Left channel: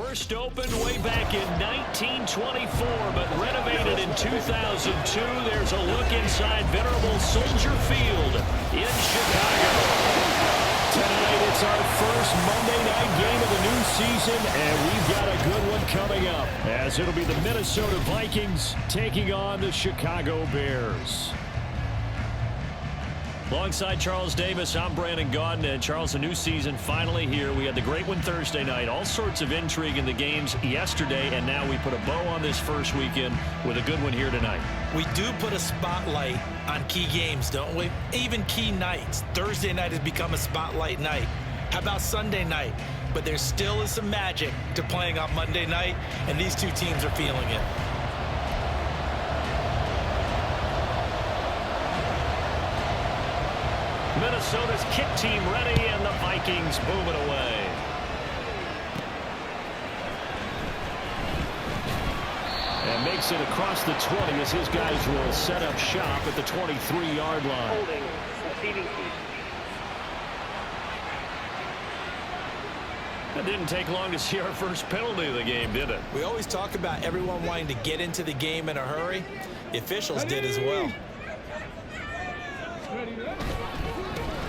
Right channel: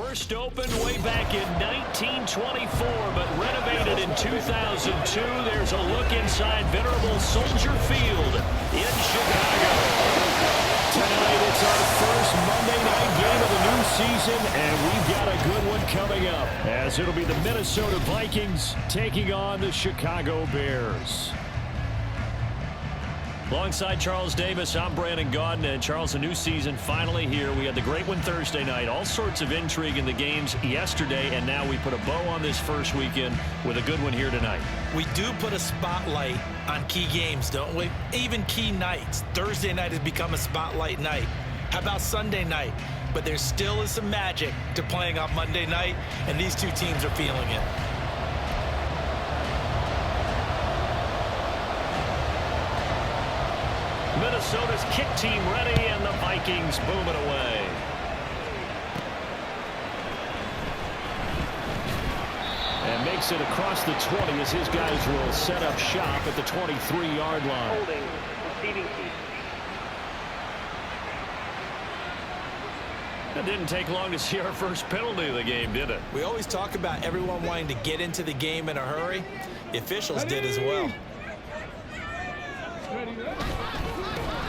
First opened way back in 1924, but renovated in 2002. There's a look inside venerable Soldier Field in Chicago. Tonight, it's our first Monday night game of the new season, and we've got a good one coming up, as it'll be the Minnesota Vikings taking on the Chicago Bears. Alongside Charles Davis, I'm Brandon Gaudin. And Charles, the new season finally here. We had the great one Thursday night. All sorts of intrigue in the games yesterday, and now we put a bow on this first weekend with a good one here tonight. We do put a spotlight on key games, don't we? Even key nights. Thursday night has become a spotlight night. How about Sunday night? But there still is some magic to playing on Monday night, and these two teams are feeling it. Minnesota's kick team ready, and the Vikings boom it away. And makes it across the 20 as his guys will set up shop at the 23-yard line. Holding, receiving team. It didn't take long to see our first penalty of the game, did it? We always talk about everyone wanting to get into the game in a hurry. The officials did as well.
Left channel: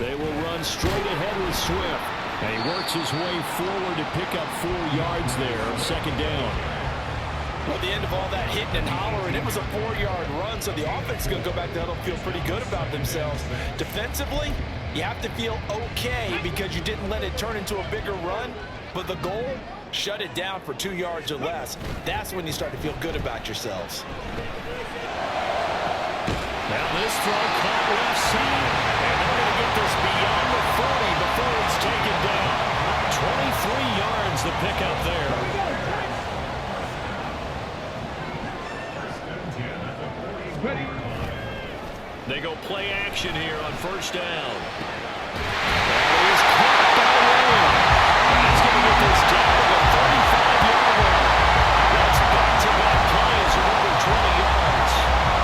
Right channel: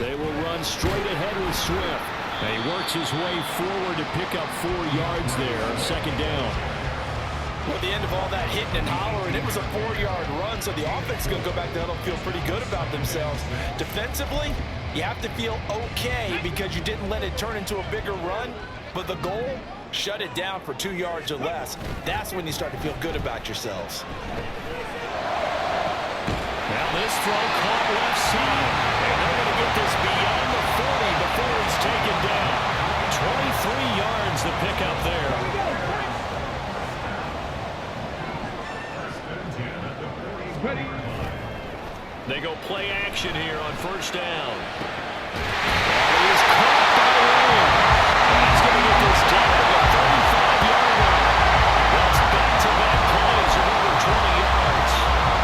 They will run straight ahead with Swift. And he works his way forward to pick up 4 yards there. Second down. Well, at the end of all that hitting and hollering, it was a 4-yard run, so the offense is going to go back to huddle, feel pretty good about themselves. Defensively, you have to feel okay because you didn't let it turn into a bigger run, but the goal, shut it down for 2 yards or less. That's when you start to feel good about yourselves. Now this throw caught left side, and they're going to get this beyond the 40 before he's taken down. 23 yards the pickup there. They go play action here on first down. That is caught by Williams. And he's going to get this down to the 35-yard line. That's back-to-back plays of over 20 yards.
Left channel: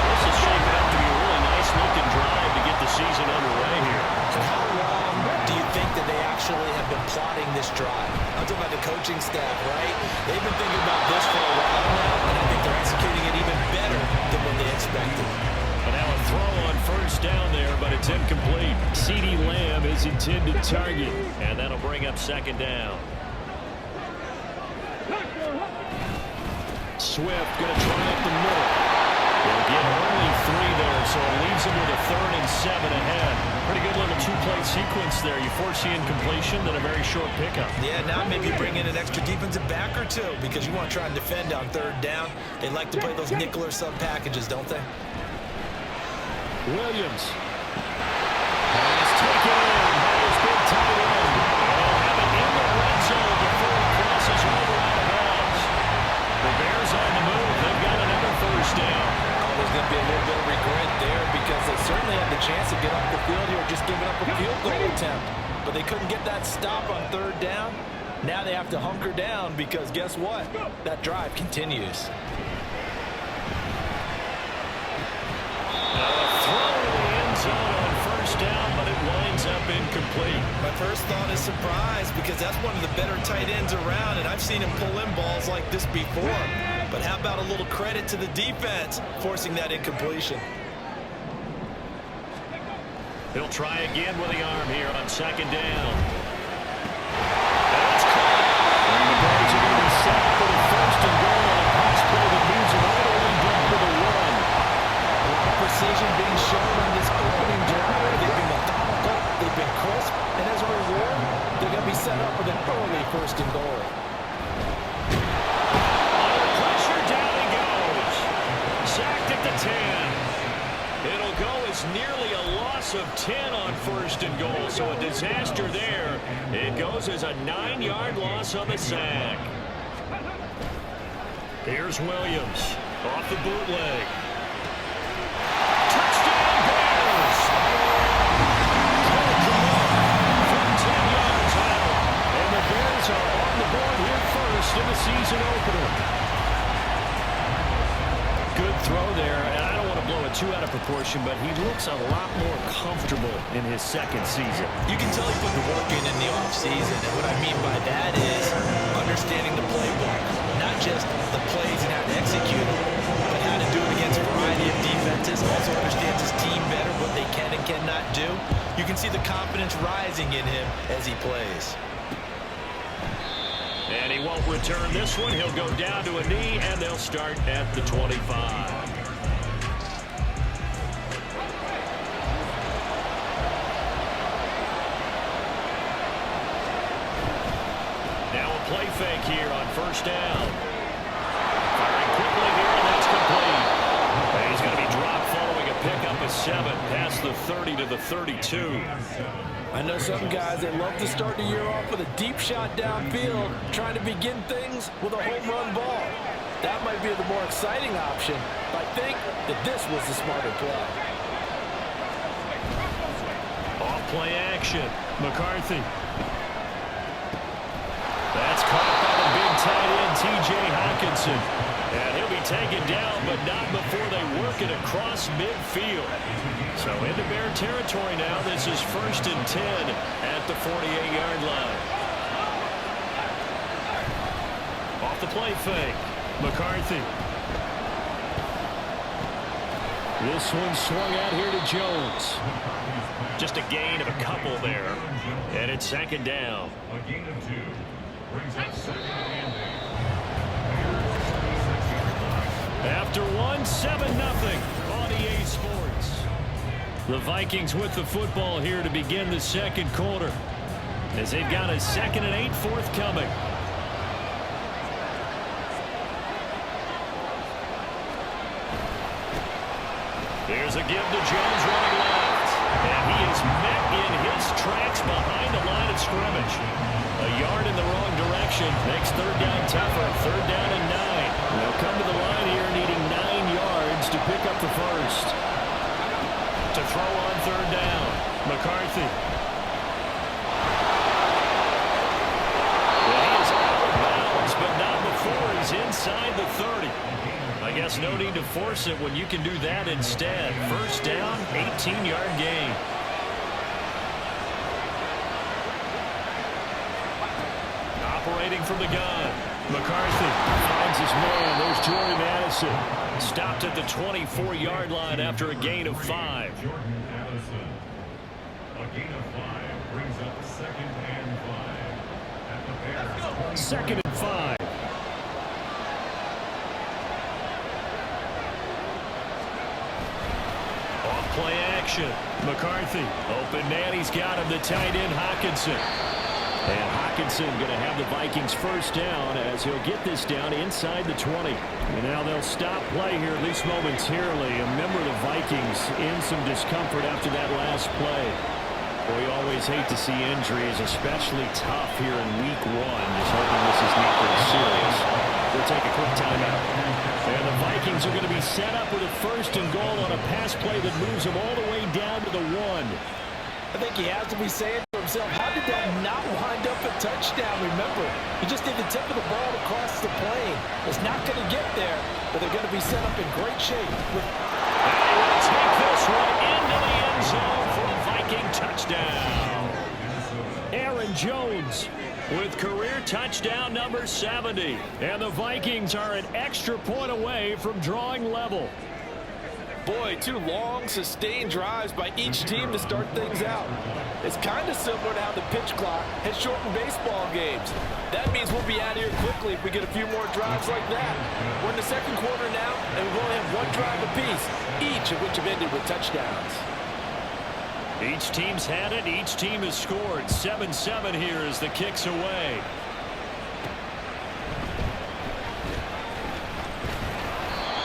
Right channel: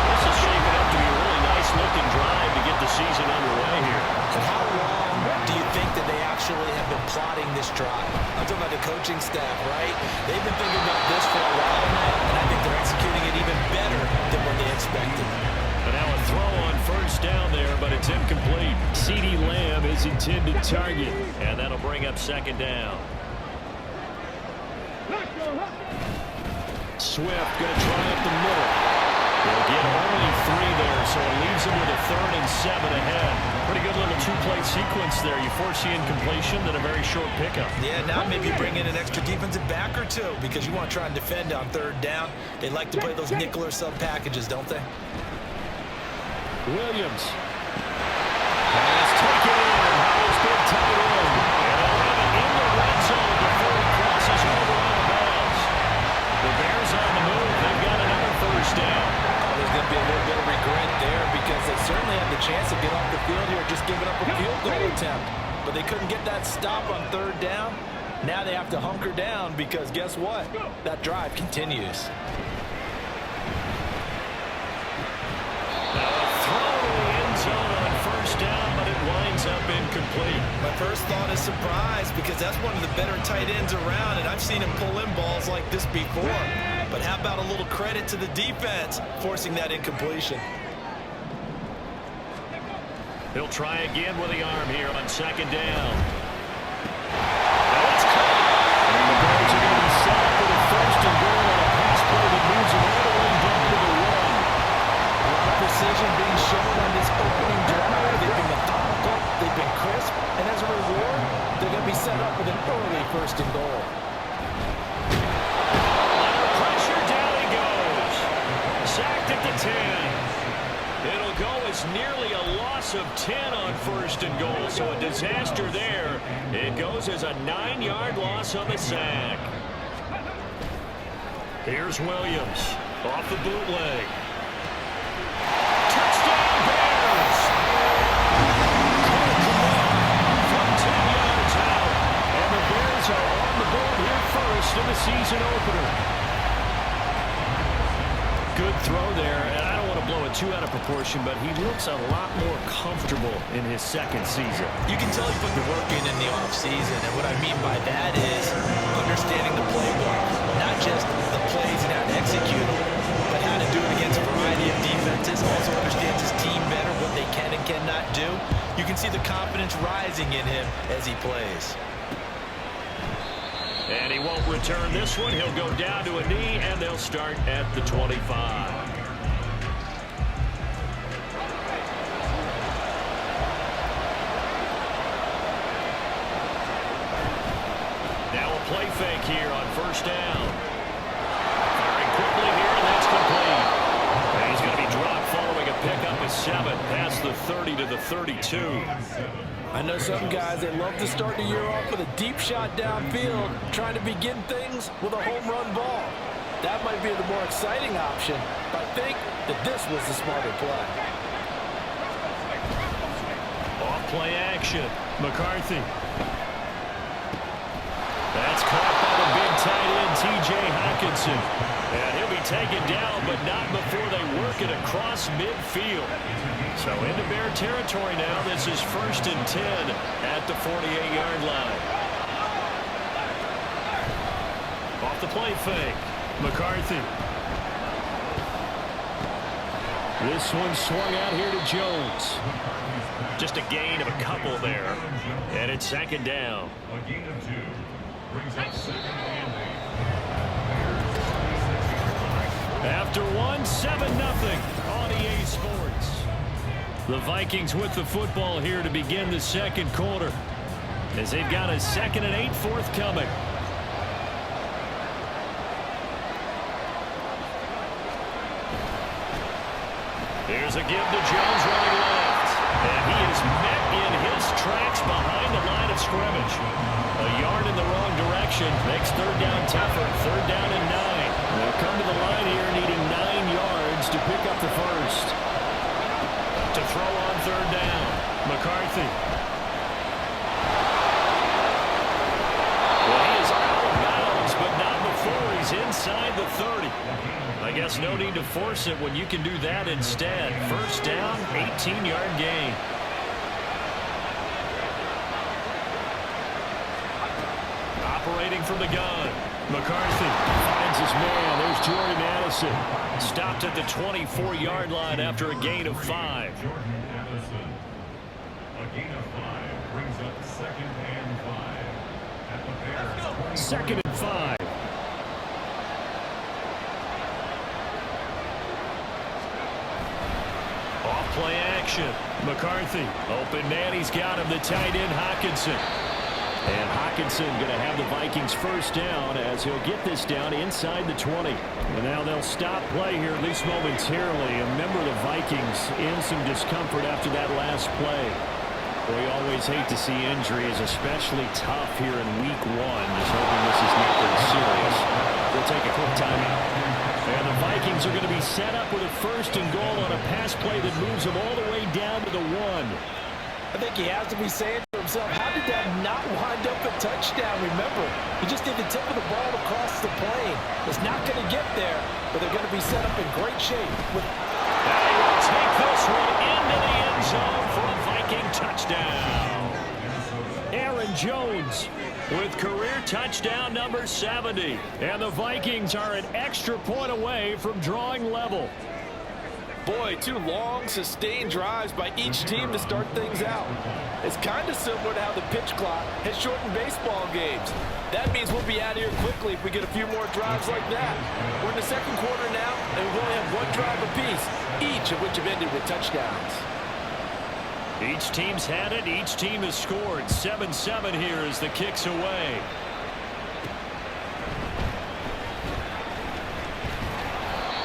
This is shaping up to be a really nice-looking drive to get the season underway here. And how long do you think that they actually have been plotting this drive? I'm talking about the coaching staff, right? They've been thinking about this for a while now, and I think they're executing it even better than what they expected. But now a throw on first down there, but it's incomplete. CeeDee Lamb is intended target, and that'll bring up second down. Swift going to try up the middle. They'll get only 3 there, so it leaves them with a 3rd and 7 ahead. Pretty good little 2-play sequence there. You force the incompletion, then a very short pickup. Yeah, now maybe bring in an extra defensive back or 2 because you want to try and defend on 3rd down. They like to play those nickel or sub packages, don't they? Williams. Pass taken in by his big tight end. And they'll have it in the red zone before he crosses over out of bounds. The Bears on the move. They've got another first down. Oh, there's going to be a little bit of regret there because they certainly had the chance to get off the field here just giving up a field goal attempt. But they couldn't get that stop on 3rd down. Now they have to hunker down because guess what? That drive continues. Now a throw to the end zone on first down, but it winds up incomplete. My first thought is surprise because that's one of the better tight ends around, and I've seen him pull in balls like this before. But how about a little credit to the defense forcing that incompletion? He'll try again with the arm here on second down. That's caught. And the Bears are going to be set up with a 1st and goal on a pass play that moves them all the way down to the 1. A lot of precision being shown on this opening drive. They've been methodical, they've been crisp, and as a reward, they're going to be set up with an early 1st and goal. Under pressure, down he goes. Sacked at the 10. It'll go as nearly a loss of 10 on 1st and goal, so a disaster there. It goes as a 9-yard loss on the sack. Here's Williams off the bootleg. Touchdown Bears! Cole Kmet from 10 yards out. And the Bears are on the board here first in the season opener. Good throw there, and I don't want to blow it too out of proportion, but he looks a lot more comfortable in his 2nd season. You can tell he put the work in the offseason, and what I mean by that is understanding the playbook. not just the plays and how to execute them, but how to do it against a variety of defenses. Also understands his team better, what they can and cannot do. You can see the confidence rising in him as he plays. And he won't return this one. He'll go down to a knee, and they'll start at the 25. Now a play fake here on first down. Firing quickly here, and that's complete. And he's going to be dropped following a pickup of 7 past the 30 to the 32. I know some guys, they love to start the year off with a deep shot downfield, trying to begin things with a home run ball. That might be the more exciting option, but I think that this was the smarter play. Off play action. McCarthy. That's caught by the big tight end, T.J. Hockenson. And he'll be taken down, but not before they work it across midfield. So into Bear territory now. This is 1st and 10 at the 48-yard line. Off the play fake. McCarthy. This one swung out here to Jones. Just a gain of a couple there. And it's 2nd down. A gain of 2. Brings up 2nd and 8. After 1, 7-0 on EA Sports. The Vikings with the football here to begin the second quarter, as they've got a 2nd and 8 forthcoming. Here's a give to Jones running left. And he is met in his tracks behind the line of scrimmage. A yard in the wrong direction makes 3rd down tougher. 3rd down and 9. They'll come to the line here needing 9 yards to pick up the first. To throw on 3rd down. McCarthy. Well, he is out of bounds, but not before he's inside the 30. I guess no need to force it when you can do that instead. 1st down, 18-yard gain. Operating from the gun. McCarthy finds his man. There's Jordan Addison. Stopped at the 24-yard line after a gain of 5. Jordan Addison. A gain of 5 brings up 2nd and 5 at the Bears. 2nd and 5. Off play action. McCarthy. Open man. He's got him. The tight end, Hockenson. And Hockenson going to have the Vikings 1st down as he'll get this down inside the 20. And now they'll stop play here, at least momentarily. A member of the Vikings in some discomfort after that last play. Boy, you always hate to see injuries, especially tough here in week 1. Just hoping this is nothing serious. We'll take a quick timeout. And the Vikings are going to be set up with a 1st and goal on a pass play that moves them all the way down to the 1. I think he has to be saying to himself, how did that not wind up a touchdown? Remember, he just did the tip of the ball across the plane. It's not going to get there, but they're going to be set up in great shape. And he will take this one into the end zone for a Viking touchdown. Aaron Jones with career touchdown number 70. And the Vikings are an extra point away from drawing level. Boy, 2 long, sustained drives by each team to start things out. It's kind of similar to how the pitch clock has shortened baseball games. That means we'll be out of here quickly if we get a few more drives like that. We're in the second quarter now, and we only have 1 drive apiece, each of which have ended with touchdowns. Each team's had it. Each team has scored. 7-7 here as the kick's away.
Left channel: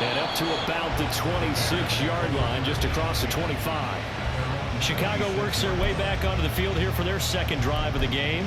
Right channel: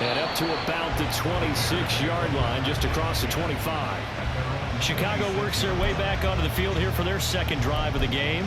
And up to about the 26-yard line, just across the 25. Chicago works their way back onto the field here for their 2nd drive of the game.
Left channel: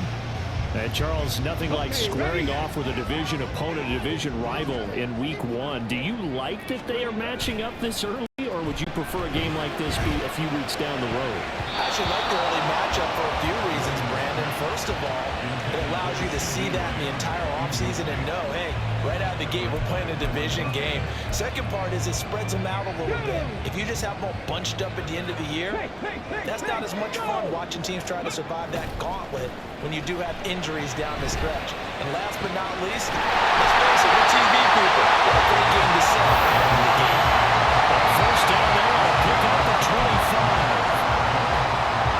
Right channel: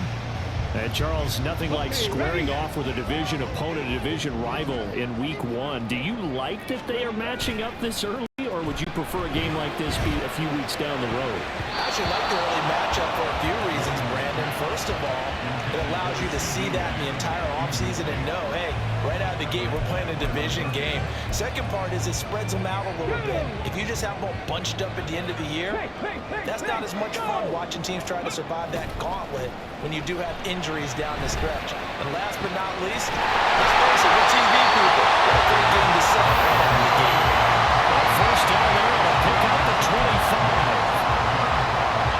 And Charles, nothing like squaring off with a division opponent, a division rival in week 1. Do you like that they are matching up this early, or would you prefer a game like this be a few weeks down the road? I actually like the early matchup for a few reasons, Brandon. First of all, it allows you to see that in the entire offseason and know, hey, right out of the gate, we're playing a division game. Second part is it spreads them out a little bit. If you just have them all bunched up at the end of the year, that's not as much fun watching teams try to survive that gauntlet when you do have injuries down the stretch. And last but not least, let's face it, we're TV people. What a great game to set right out of the gate. Well, first down there on a pick up the 25.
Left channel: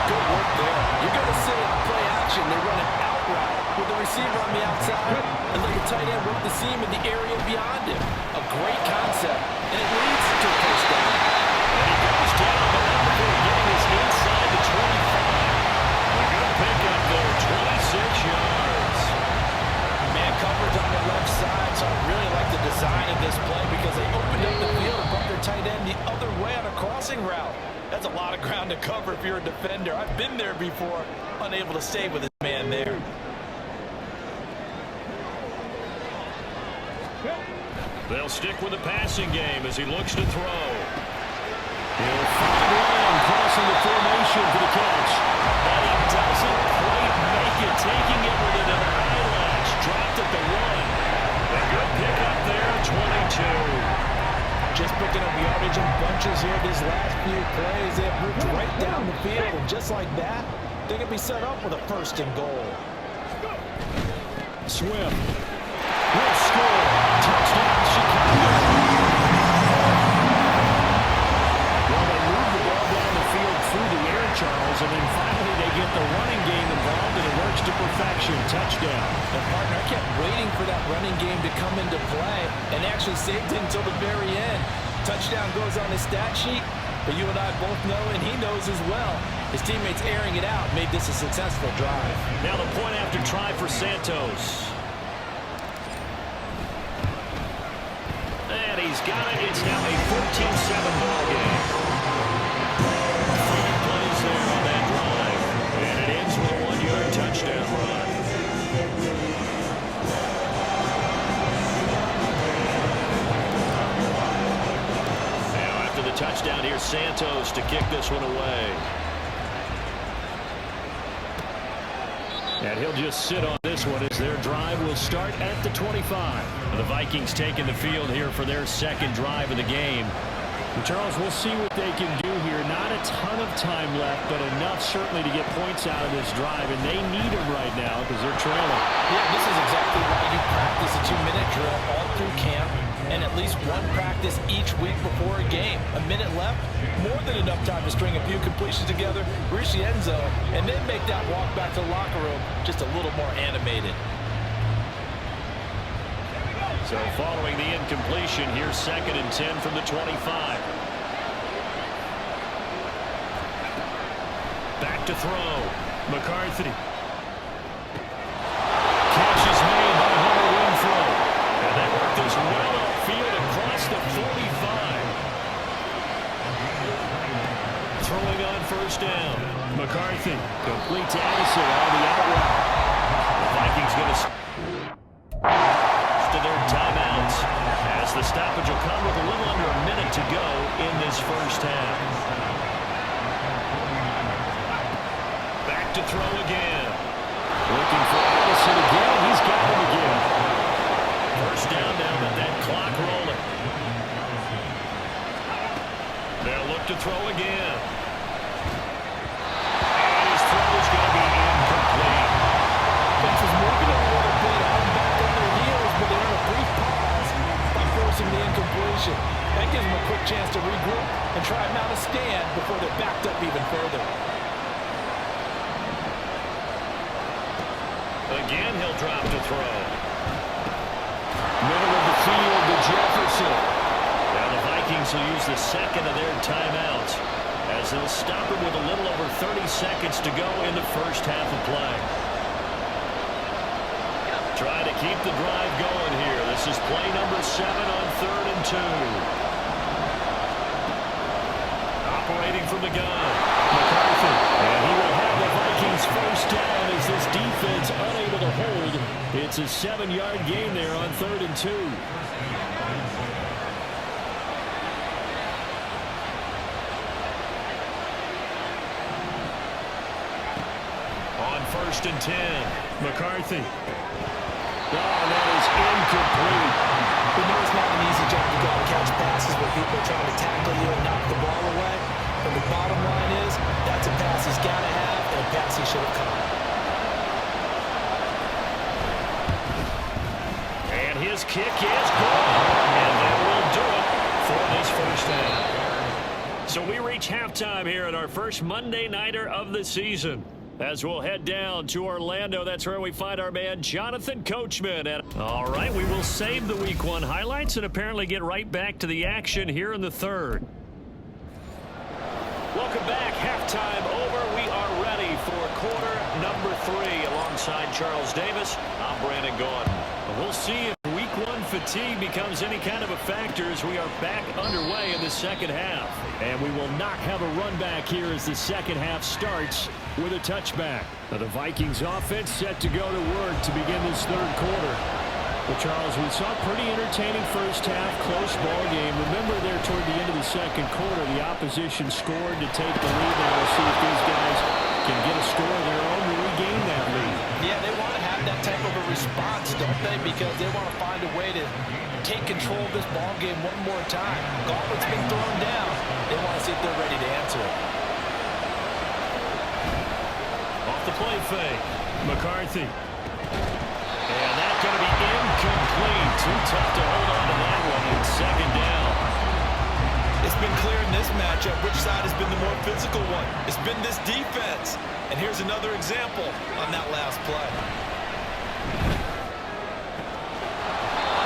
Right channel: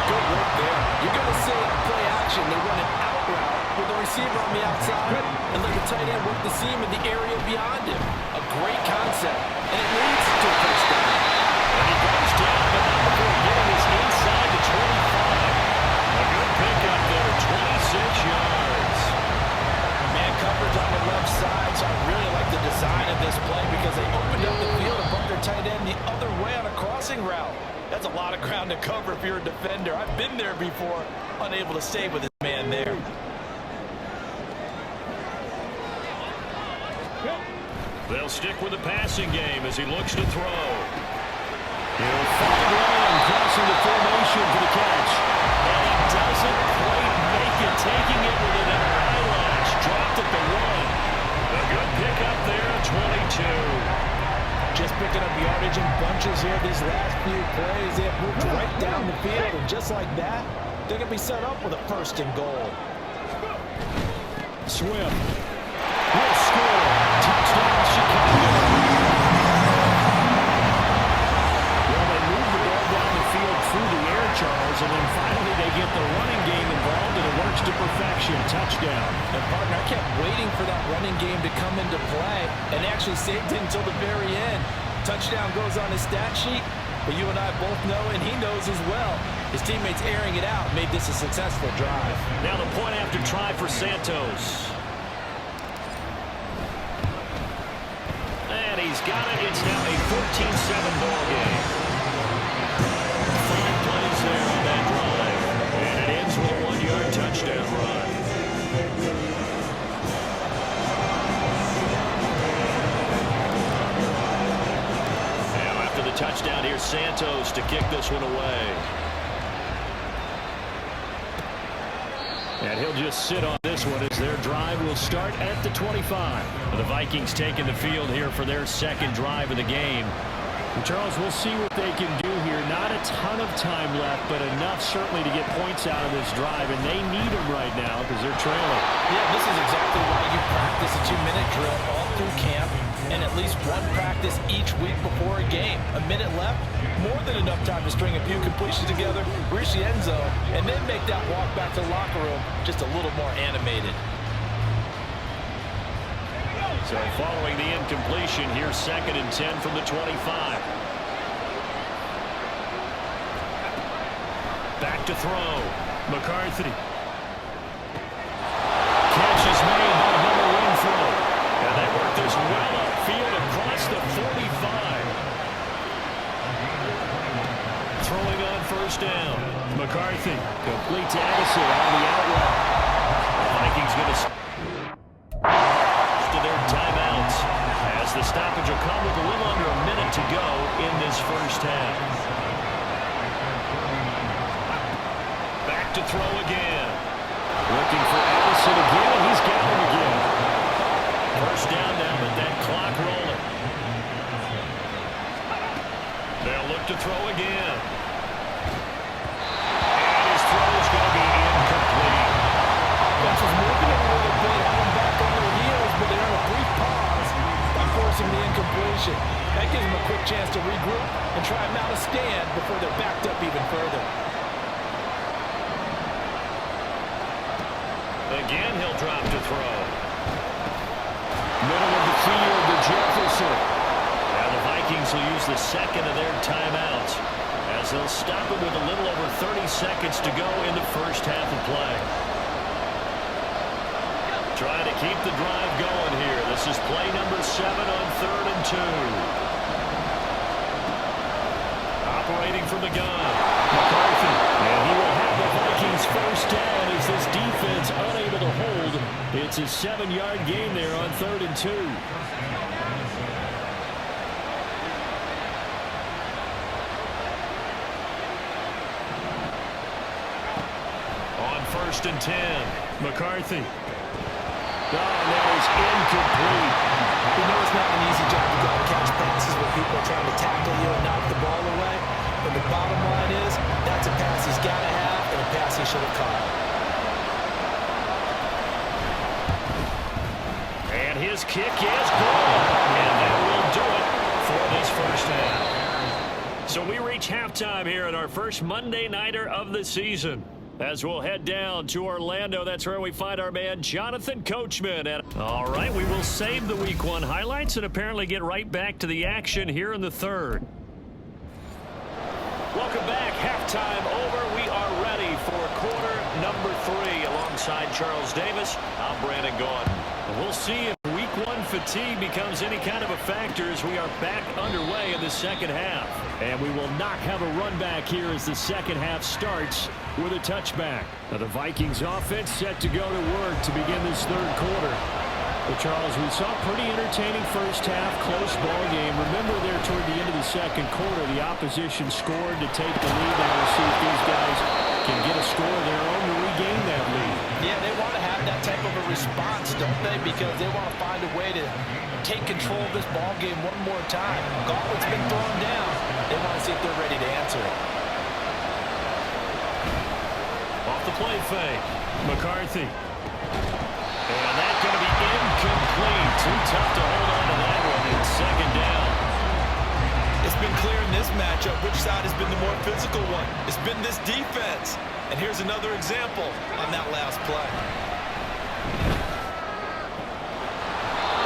Good work there. You're going to see on play action, they run an out route with the receiver on the outside and let the tight end work the seam in the area beyond him. A great concept, and it leads to a first down. And he goes down, but not before getting his inside the 25. A good pickup there, 26 yards. Man coverage on the left side, so I really like the design of this play because they opened up the field and brought their tight end the other way on a crossing route. That's a lot of ground to cover if you're a defender. I've been there before, unable to stay with his man there. They'll stick with the passing game as he looks to throw. He'll find Lamb crossing the formation for the catch. And he doesn't quite make it, taking it with an eyelash. Dropped at the 1. A good pickup there, 22. Just picking up yardage in bunches here these last few plays. They have moved right down the field, and just like that, they can be set up with a 1st and goal. Swift will score. Touchdown, Chicago. Well, they move the ball down the field through the air, Charles, and then finally they get the running game involved, and it works to perfection. Touchdown. And, partner, I kept waiting for that running game to come into play, and actually saved it until the very end. Touchdown goes on his stat sheet, but you and I both know, and he knows as well, his teammates airing it out made this a successful drive. Now the point after try for Santos. And he's got it. It's now a 14-7 ball game. 5 plays there on that drive. And it ends with a 1-yard touchdown run. Now after the touchdown, here's Santos to kick this one away. And he'll just sit on this one as their drive will start at the 25. The Vikings taking the field here for their second drive of the game. And Charles, we'll see what they can do here. Not a ton of time left, but enough certainly to get points out of this drive. And they need them right now because they're trailing. Yeah, this is exactly why you practice a 2-minute drill all through camp and at least one practice each week before a game. A minute left, more than enough time to string a few completions together, reach the end zone, and then make that walk back to the locker room just a little more animated. So following the incompletion, here's 2nd and 10 from the 25. Back to throw. McCarthy. Catch is made by Hunter Renfrow. And they work this well upfield across the 45. Throwing on 1st down. McCarthy complete to Addison on the out route. The Vikings going to their timeouts as the stoppage will come with a little under a minute to go in this first half. Back to throw again. Looking for Addison again, and he's got him again. First down now, but that clock rolling. They'll look to throw again. And his throw is going to be incomplete. Defense is moving a little bit, out and back on their heels, but they earn a brief pause by forcing the incompletion. That gives them a quick chance to regroup and try and mount a stand before they're backed up even further. Again, he'll drop to throw. Middle of the field to Jefferson. Now the Vikings will use the 2nd of their timeouts as they'll stop it with a little over 30 seconds to go in the first half of play. Try to keep the drive going here. This is play number 7 on 3rd and 2. Operating from the gun, McCarthy. And he will have the Vikings first down as this defense unable to hold. It's a 7-yard gain there on 3rd and 2. 1st and 10. McCarthy. Oh, and that is incomplete. You know it's not an easy job to go out and catch passes when people are trying to tackle you and knock the ball away. But the bottom line is, that's a pass he's got to have and a pass he should have caught. And his kick is good. And that will do it for this first half. So we reach halftime here at our first Monday Nighter of the season. As we'll head down to Orlando, that's where we find our man Jonathan Coachman. And all right, we will save the Week 1 highlights and apparently get right back to the action here in the third. Welcome back. Halftime over. We are ready for quarter number 3. Alongside Charles Davis, I'm Brandon Gordon. We'll see if Week 1 fatigue becomes any kind of a factor as we are back underway in the second half. And we will not have a run back here as the second half starts with a touchback. Now the Vikings offense set to go to work to begin this third quarter. But Charles, we saw a pretty entertaining first half, close ball game. Remember there toward the end of the second quarter, the opposition scored to take the lead. Now we'll see if these guys can get a score of their own to regain that lead. Yeah, they want to have that type of a response, don't they? Because they want to find a way to take control of this ball game one more time. Gauntlet's been thrown down. They want to see if they're ready to answer it. Off the play fake, McCarthy. And that's going to be incomplete. Too tough to hold on to that one. It's second down. It's been clear in this matchup which side has been the more physical one. It's been this defense. And here's another example on that last play.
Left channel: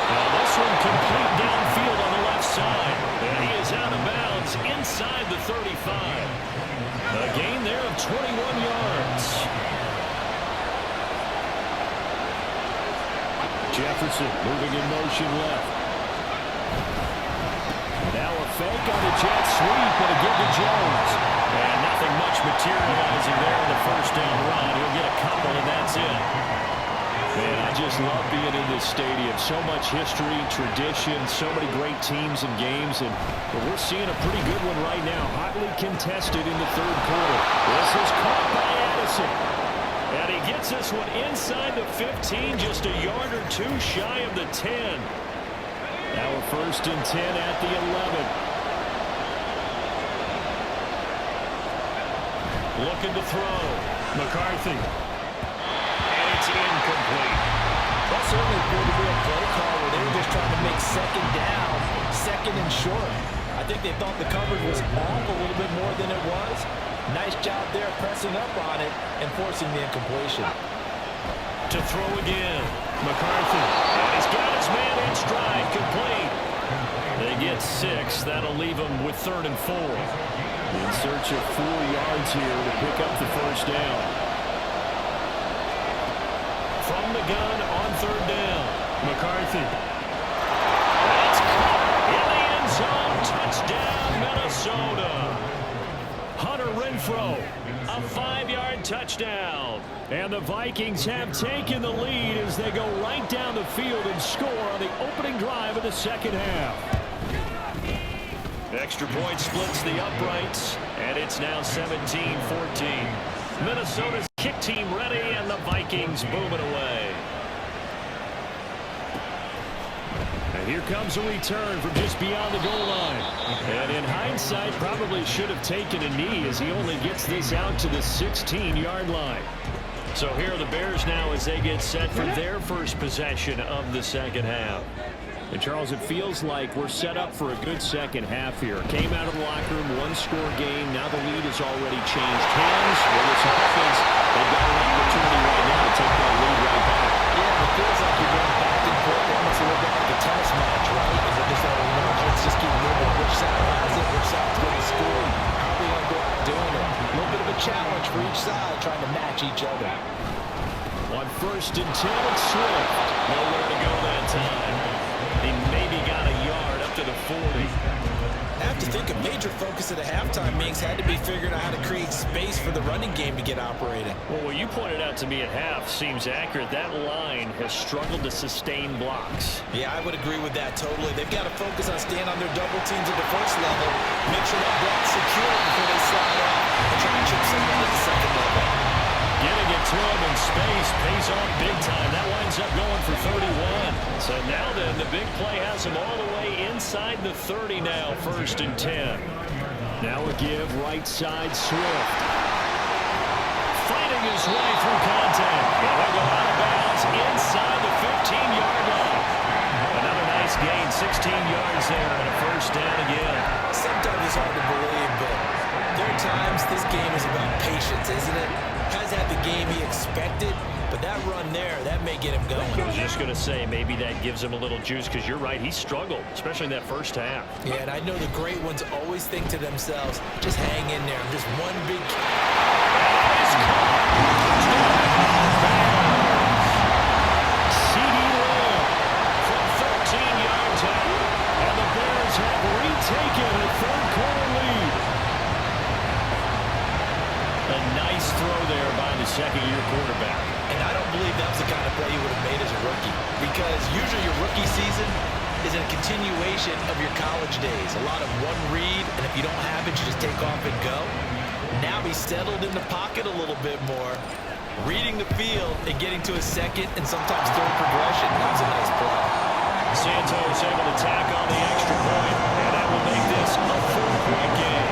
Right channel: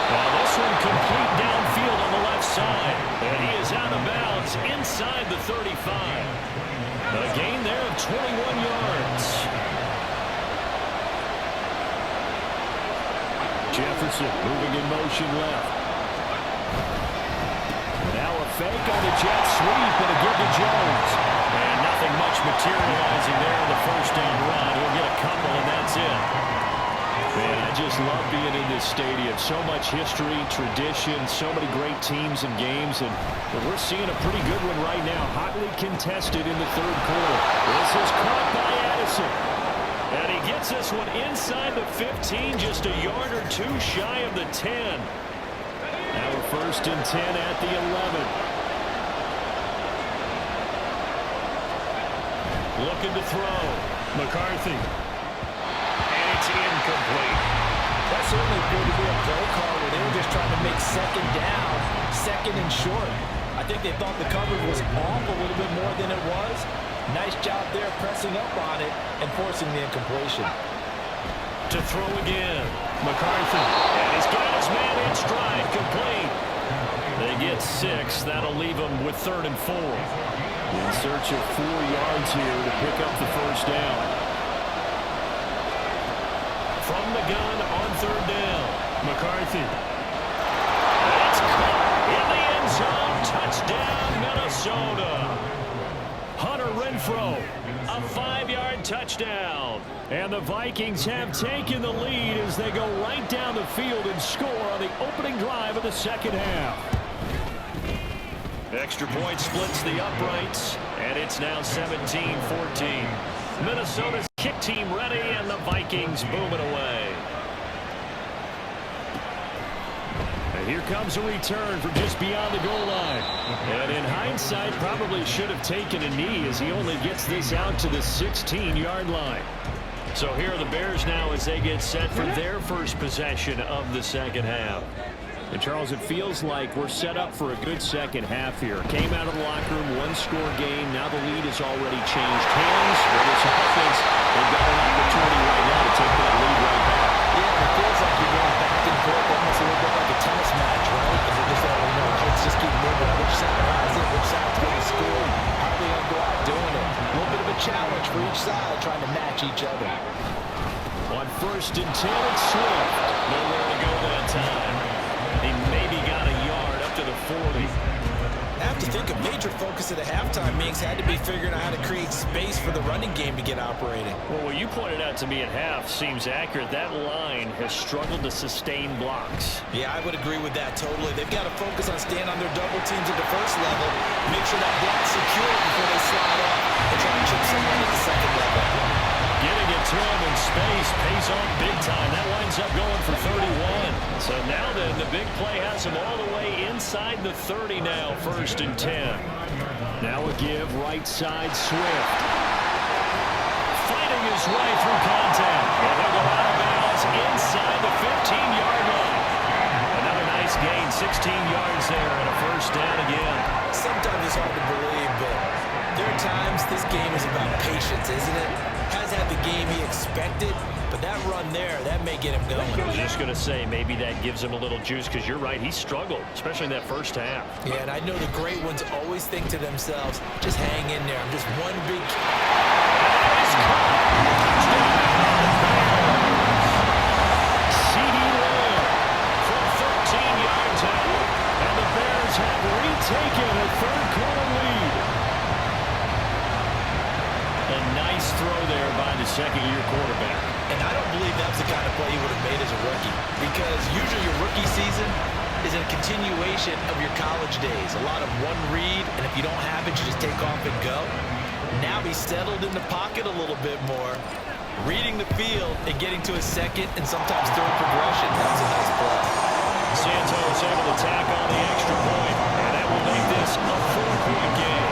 Now this one complete downfield on the left side. And he is out of bounds inside the 35. A gain there of 21 yards. Jefferson moving in motion left. Now a fake on a jet sweep and a give to Jones. And nothing much materializing there on the first down run. He'll get a couple and that's it. Man, I just love being in this stadium. So much history, tradition, so many great teams and games. And we're seeing a pretty good one right now. Hotly contested in the third quarter. This is caught by Addison. And he gets this one inside the 15, just a yard or two shy of the 10. Now we're 1st and 10 at the 11. Looking to throw. McCarthy. And it's incomplete. That certainly appeared to be a play call where they were just trying to make second down, second and short. I think they thought the coverage was off a little bit more than it was. Nice job there pressing up on it and forcing the incompletion. To throw again. McCarthy. And he's got his man in stride. Complete. They get 6. That'll leave them with 3rd and 4. In search of 4 yards here to pick up the first down. From the gun on 3rd down. McCarthy. It's caught in the end zone. Touchdown, Minnesota. Hunter Renfrow, a 5-yard touchdown. And the Vikings have taken the lead as they go right down the field and score on the opening drive of the second half. Extra point splits the uprights, and it's now 17-14. Minnesota's kick team ready, and the Vikings boom it away. And here comes a return from just beyond the goal line. And in hindsight, probably should have taken a knee as he only gets this out to the 16-yard line. So here are the Bears now as they get set for their first possession of the second half. And Charles, it feels like we're set up for a good second half here. Came out of the locker room, 1-score game. Now the lead has already changed hands. With this offense, they've got an opportunity right now to take that lead right back. Yeah, it feels like you're going back and forth, almost a little bit like a tennis match, right? Is it just that, let's just keep moving. Which side has it? Which side's going to score? How are they going to go out doing it? A little bit of a challenge for each side, trying to match each other. On 1st and 10, it's Swift. Nowhere to go that time. He maybe got a yard up to the 40. I have to think a major focus of the halftime meetings had to be figuring out how to create space for the running game to get operating. Well, what you pointed out to me at half seems accurate. That line has struggled to sustain blocks. Yeah, I would agree with that totally. They've got to focus on staying on their double teams at the first level, make sure that block's secure before they slide off and try to chip someone at the second level. Getting it to him in space pays off big time. That winds up going for 31. So now then, the big play has him all the way inside the 30 now, 1st and 10. Now a give right side Swift. Fighting his way through contact. And he'll go out of bounds inside the 15-yard line. Another nice gain, 16 yards there, and a 1st down again. Sometimes it's hard to believe, but there are times this game is about patience, isn't it? Has had the game he expected, but that run there, that may get him going. I was just going to say, maybe that gives him a little juice, because you're right, he struggled, especially in that 1st half. Yeah, and I know the great ones always think to themselves, just hang in there. I'm just one big... That is caught. Bears. C.D. Lamb from 13 yards out, and the Bears have retaken a 3rd-quarter lead. A nice throw there by the 2nd-year quarterback. And I don't believe that was the kind of play he would have made as a rookie, because usually your rookie season is a continuation of your college days. A lot of one read, and if you don't have it, you just take off and go. Now he's settled in the pocket a little bit more, reading the field and getting to his 2nd and sometimes 3rd progression. That was a nice play. Santos able to tack on the extra point, and that will make this a 4-point game.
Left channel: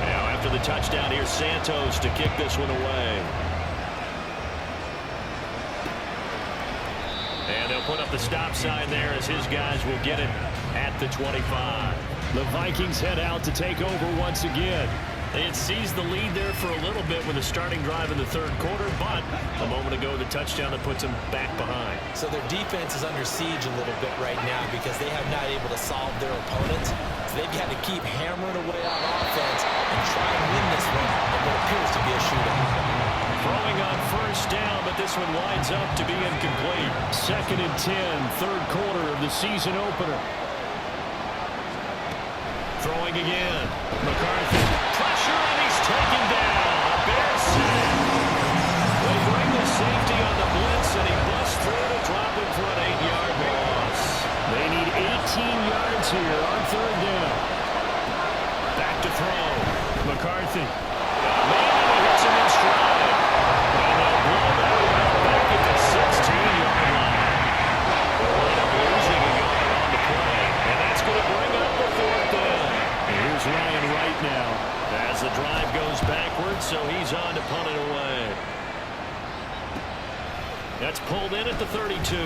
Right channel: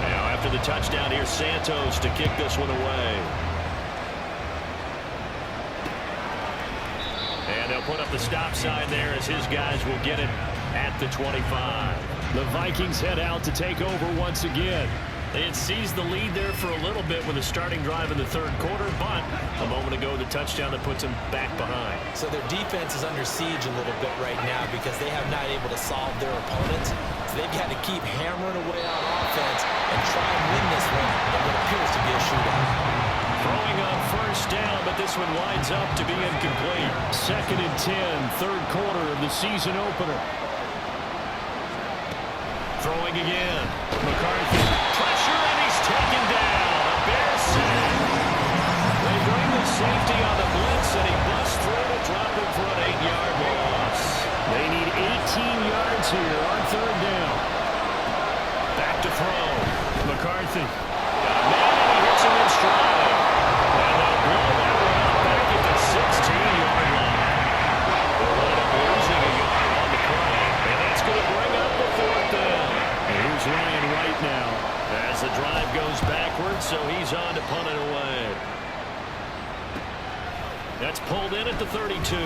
Now after the touchdown, here's Santos to kick this one away. And they'll put up the stop sign there as his guys will get it at the 25. The Vikings head out to take over once again. They had seized the lead there for a little bit with a starting drive in the 3rd quarter, but a moment ago the touchdown that puts them back behind. So their defense is under siege a little bit right now because they have not able to solve their opponents. So they've got to keep hammering away on offense and try and win this one in what appears to be a shootout. Throwing on 1st down, but this one winds up to be incomplete. 2nd and 10, 3rd quarter of the season opener. Throwing again. McCarthy. Pressure, and he's taken down. A Bears sack. They bring the safety on the blitz, and he busts through to drop him for an 8-yard loss. They need 18 yards here on 3rd down. Back to throw. McCarthy. Got a man, and he hits him in stride. And they'll blow that one out back at the 16-yard line. They'll wind up losing a yard on the play. And that's going to bring up the 4th down. And here's Ryan right now as the drive goes backwards, so he's on to punt it away. That's pulled in at the 32.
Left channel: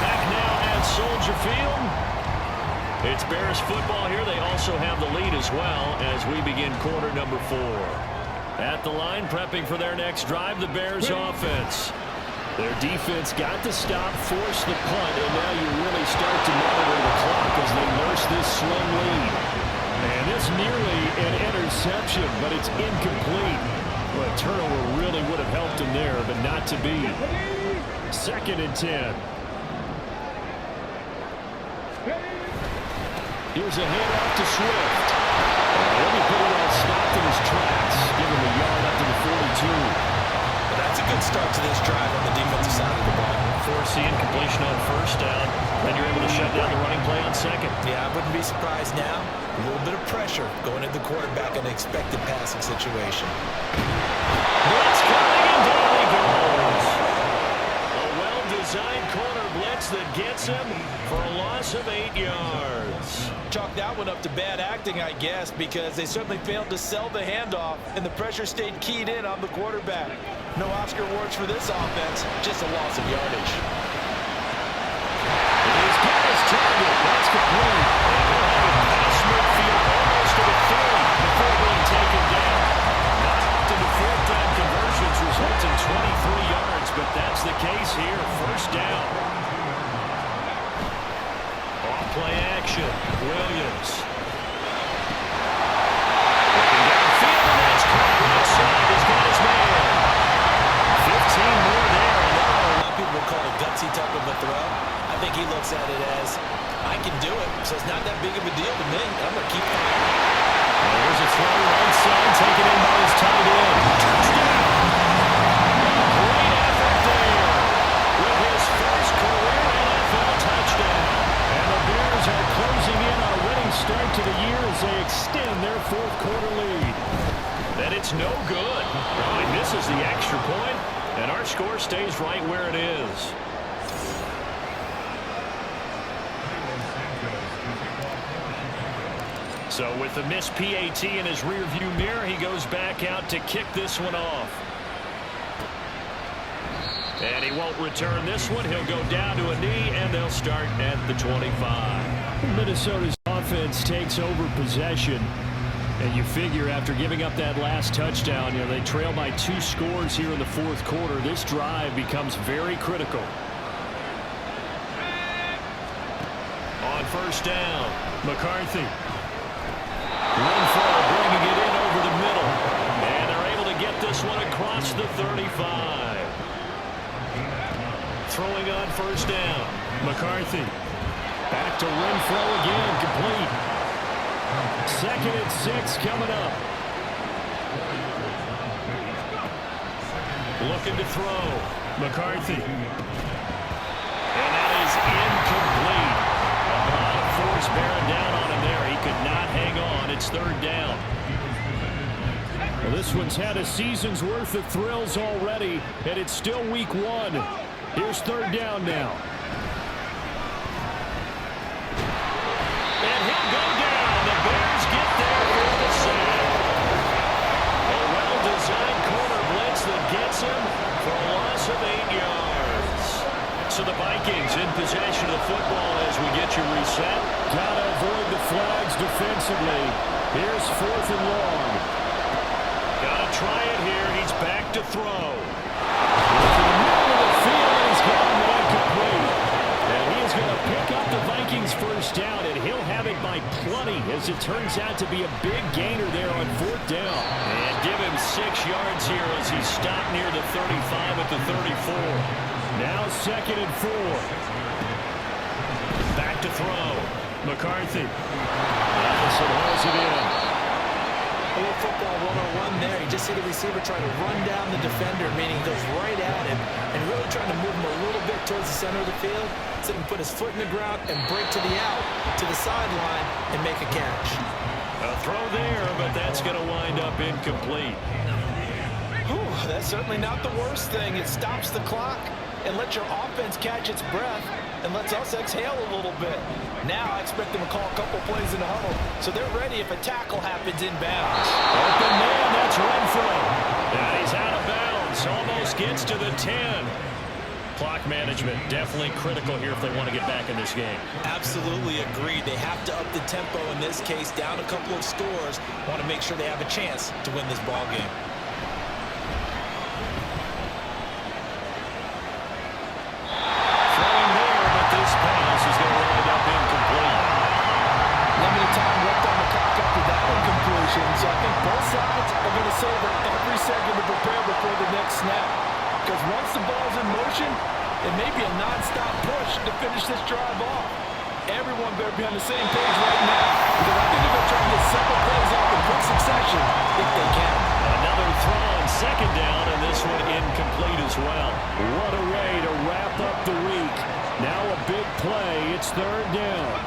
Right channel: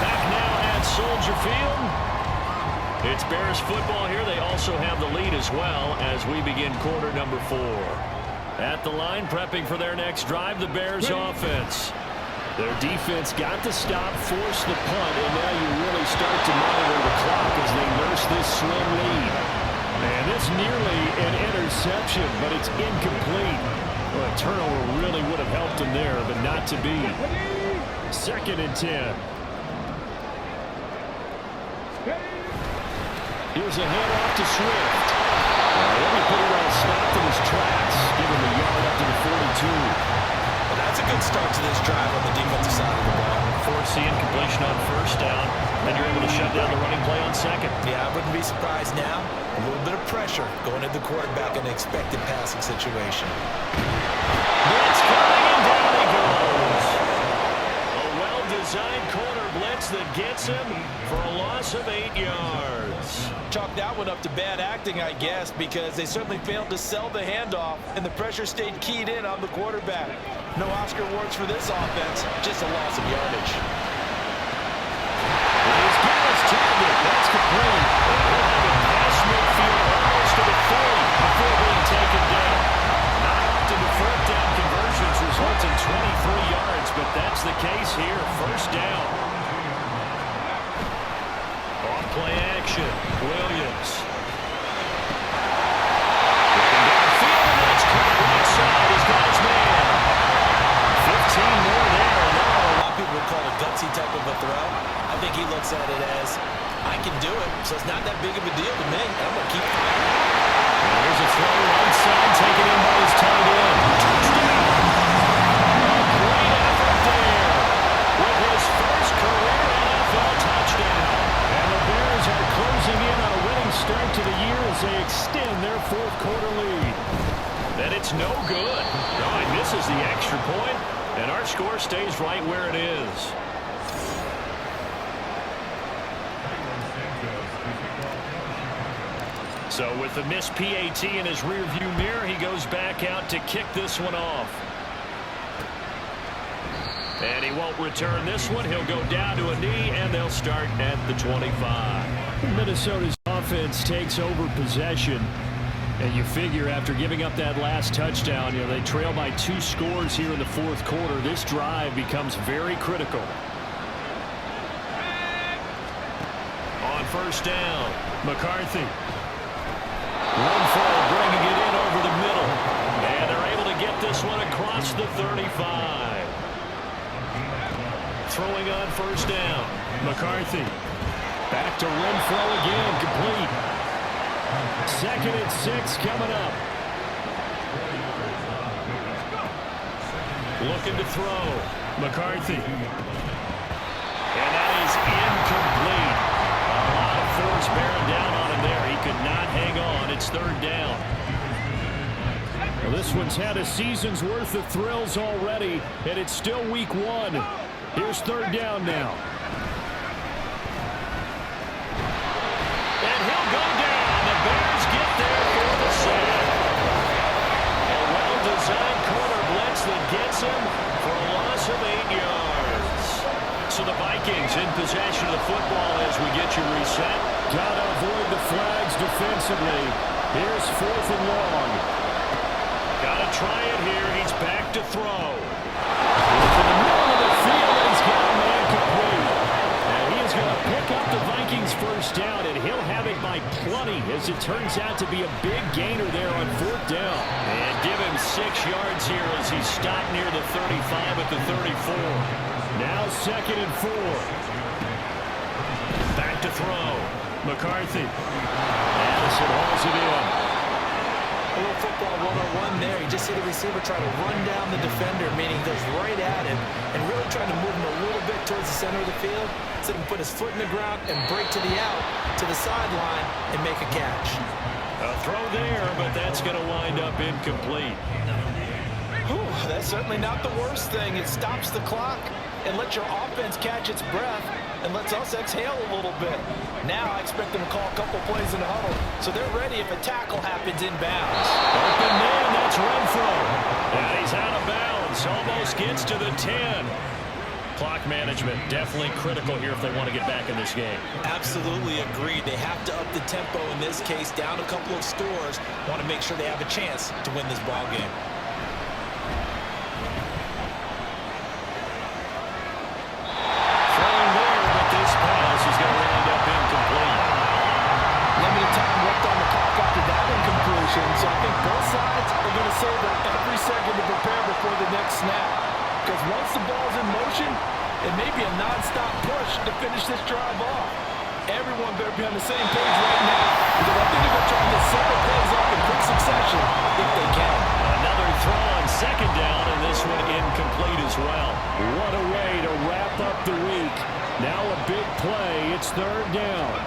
Back now at Soldier Field. It's Bears football here. They also have the lead as well as we begin quarter number 4. At the line, prepping for their next drive, the Bears offense. Their defense got the stop, forced the punt, and now you really start to monitor the clock as they nurse this slim lead. And it's nearly an interception, but it's incomplete. Well, a turnover really would have helped them there, but not to be. 2nd and 10. Here's a handoff to Swift. He'll be pretty well stopped in his tracks. Give him a yard up to the 42. Well, that's a good start to this drive on the defensive side of the ball. Force the incompletion on 1st down. Then you're able to shut down the running play on 2nd. Yeah, I wouldn't be surprised now. A little bit of pressure going at the quarterback in an expected passing situation. Blitz coming, and down he goes. A well-designed corner blitz that gets him for a loss of 8 yards. Chalk that one up to bad acting, I guess, because they certainly failed to sell the handoff, and the pressure stayed keyed in on the quarterback. No Oscar awards for this offense, just a loss of yardage. He's got his target. That's complete. And he'll have it past midfield almost to the 30 before being taken down. Not often the 4th down conversions result in 23 yards, but that's the case here. 1st down. Off play action. Williams. Looking downfield, and that's caught right side. He's got his man. 15 more there. And now A lot of people would call it a gutsy type of a throw. I think he looks at it as, I can do it, so it's not that big of a deal to me. I'm going to keep firing. Here's a throw right side, taken in by his tight end. Touchdown! A great effort there with his first career NFL touchdown. And the Bears are closing in on a winning start to the year as they extend their fourth quarter lead. And it's no good. Oh, he misses the extra point, and our score stays right where it is. So with the missed PAT in his rearview mirror, he goes back out to kick this one off. And he won't return this one. He'll go down to a knee, and they'll start at the 25. Minnesota's offense takes over possession. And you figure after giving up that last touchdown, they trail by 2 scores here in the fourth quarter. This drive becomes very critical. On first down, McCarthy. Renfro bringing it in over the middle. And they're able to get this one across the 35. Throwing on first down, McCarthy. Back to Renfro again, complete. 2nd and 6 coming up. Looking to throw. McCarthy. And that is incomplete. A lot of force bearing down on him there. He could not hang on. It's 3rd down. Well, this one's had a season's worth of thrills already, and it's still week 1. Here's 3rd down now. And he'll go down. The Bears get there for the sack. A well-designed corner blitz that gets him for a loss of 8 yards. So the Vikings in possession of the football as we get you reset. Gotta avoid the flags defensively. Here's 4th and long. Gotta try it here. He's back to throw. To the middle of the field, and he's got a man complete. And he is going to pick up the Vikings first down, and he'll have it by plenty, as it turns out to be a big gainer there on 4th down. And give him 6 yards here as he stopped near the 35 at the 34. Now 2nd and 4. Back to throw. McCarthy. Addison hauls it in. A little football 101 there. You just see the receiver try to run down the defender, meaning he goes right at him and really trying to move him a little bit towards the center of the field so he can put his foot in the ground and break to the out, to the sideline, and make a catch. A throw there, but that's going to wind up incomplete. Whew, that's certainly not the worst thing. It stops the clock and lets your offense catch its breath and lets us exhale a little bit. Now I expect them to call a couple plays in the huddle, so they're ready if a tackle happens inbounds. Open man, that's Renfro. And he's out of bounds, almost gets to the 10. Clock management definitely critical here if they want to get back in this game. Absolutely agreed. They have to up the tempo in this case, down a couple of scores. Want to make sure they have a chance to win this ball game. This pass is going to wind up incomplete. Limited time left on the clock after that incompletion, so I think both sides are going to savor every second to prepare before the next snap. Because once the ball's in motion, it may be a non-stop push to finish this drive off. Everyone better be on the same page right now, because I think they're going to try and get several plays off in quick succession if they can. Another throw on 2nd down, and this one incomplete as well. What a way to wrap up the week. Now a big play. It's 3rd down.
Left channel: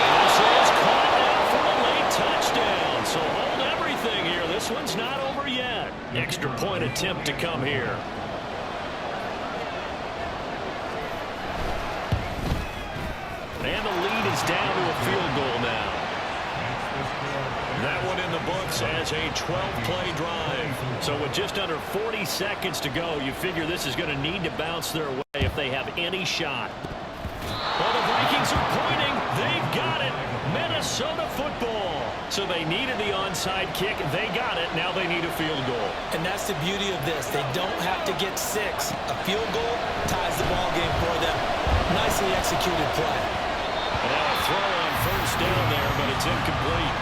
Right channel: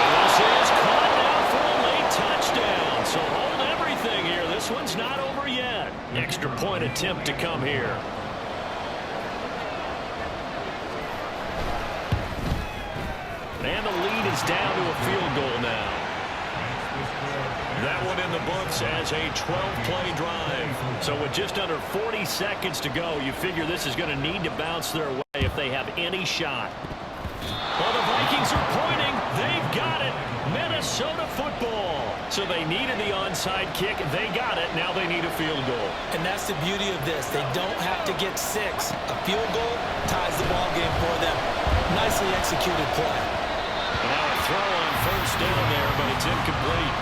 And this is caught now for a late touchdown. So hold everything here. This one's not over yet. Extra point attempt to come here. And the lead is down to a field goal now. That one in the books as a 12-play drive. So with just under 40 seconds to go, you figure this is going to need to bounce their way if they have any shot. Well, the Vikings are pointing. They've got it. Minnesota football. So they needed the onside kick. They got it. Now they need a field goal. And that's the beauty of this. They don't have to get 6. A field goal ties the ball game for them. Nicely executed play. And now a throw on first down there, but it's incomplete.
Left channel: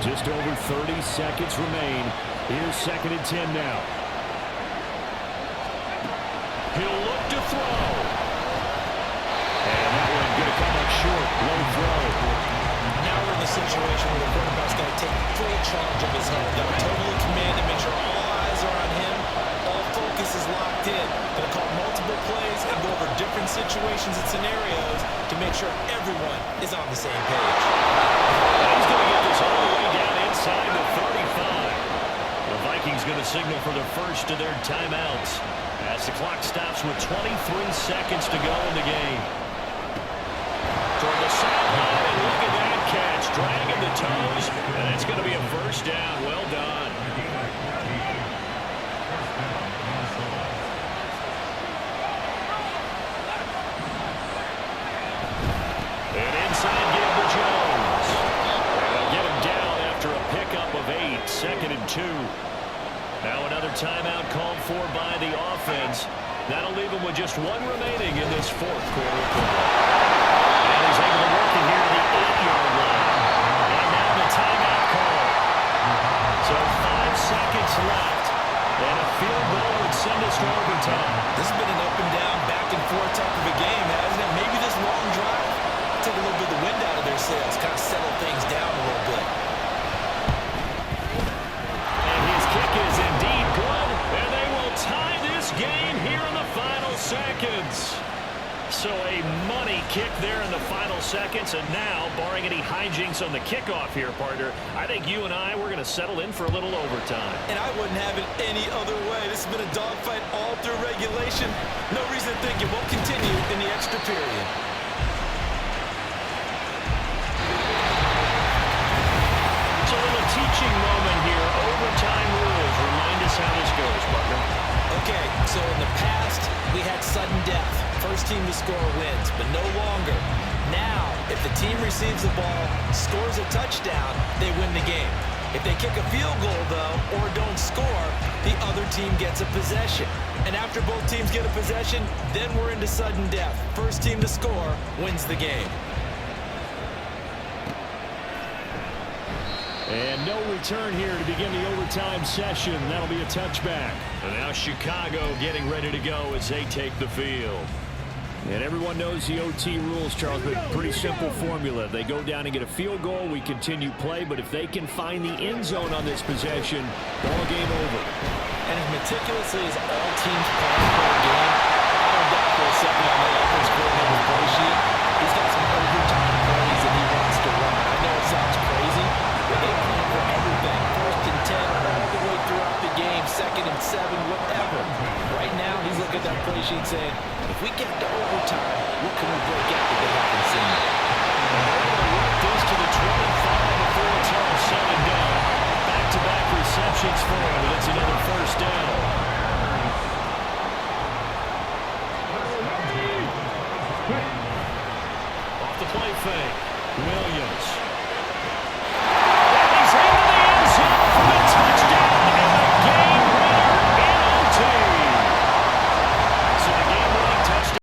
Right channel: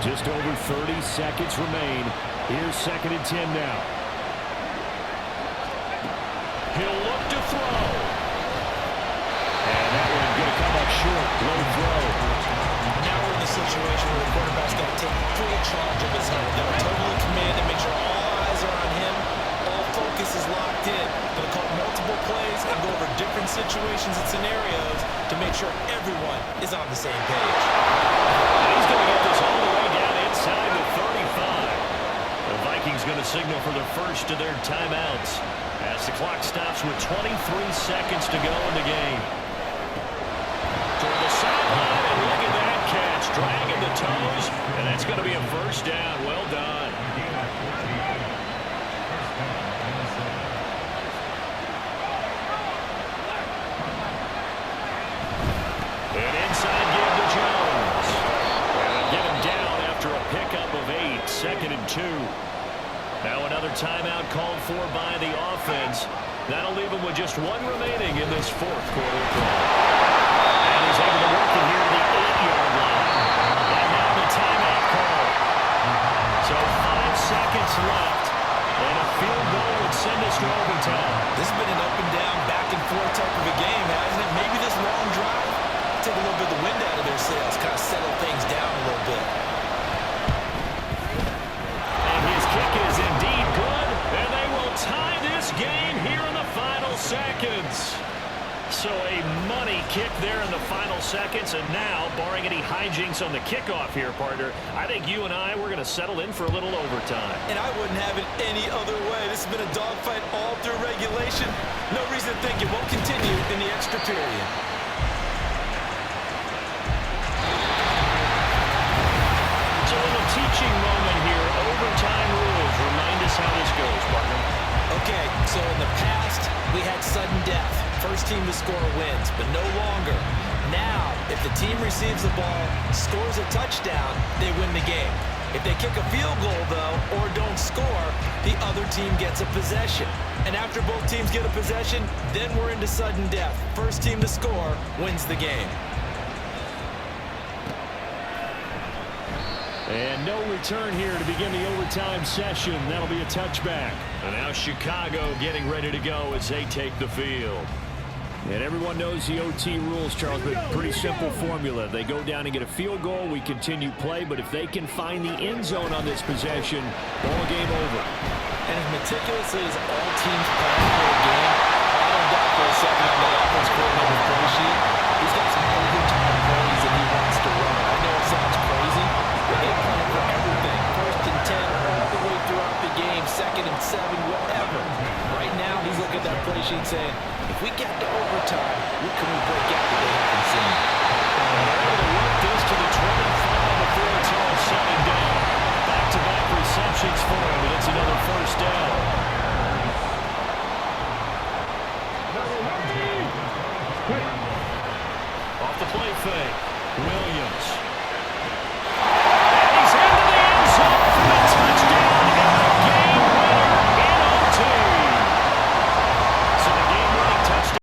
Just over 30 seconds remain. Here's 2nd and 10 now. He'll look to throw. And that one going to come up short. Low throw. Now we're in the situation where the quarterback's got to take full charge of his hunt. Got to totally command and make sure all eyes are on him. All focus is locked in. Going to call multiple plays and go over different situations and scenarios to make sure everyone is on the same page. And he's going to get this all the way down inside the 35. The Vikings going to signal for the first of their timeouts as the clock stops with 23 seconds to go in the game. Toward the sideline, and look at that catch. Dragging the toes, and that's going to be a first down. Well done. An inside give to Jones. And they'll get him down after a pickup of 8, 2nd and 2. Now another timeout called for by the offense. That'll leave him with just 1 remaining in this 4th quarter of play. And he's able to work it here to the 8-yard line. And now the timeout call. So 5 seconds left. And a field goal would send us to overtime. This has been an up and down, back and forth type of a game, hasn't it? Maybe this long drive take a little bit of the wind out of their sails, kind of settle things down a little bit. And his kick is indeed good, and they will tie this game here in the final seconds. So a money kick there in the final seconds, and now, barring any hijinks on the kickoff here, partner, I think you and we're going to settle in for a little overtime. And I wouldn't have it any other way. This has been a dogfight all through regulation. No reason to think it won't continue in the extra period. It's a little teaching moment here. Overtime rules. Remind us how this goes, partner. Okay, so in the past, we had sudden death. First team to score wins, but no longer. Now, if the team receives the ball, scores a touchdown, they win the game. If they kick a field goal, though, or don't score, the other team gets a possession. And after both teams get a possession, then we're into sudden death. First team to score wins the game. And no return here to begin the overtime session. That'll be a touchback. And now Chicago getting ready to go as they take the field. And everyone knows the OT rules, Charles, but pretty simple formula. They go down and get a field goal, we continue play, but if they can find the end zone on this possession, ball game over. And as meticulously as all teams plan for a game, I don't doubt for a second on that offense coordinator's play sheet, he's got some overtime plays that he wants to run. I know it sounds crazy, but they plan for everything. 1st and 10 all the way throughout the game, 2nd and 7, whatever. Right now, he's looking at that play sheet saying, if we get to overtime, what can we break out that they haven't seen? And they're able to work this to the 25 before it's all said and done. Back-to-back receptions for him, and it's another first down. Off the play fake, Williams.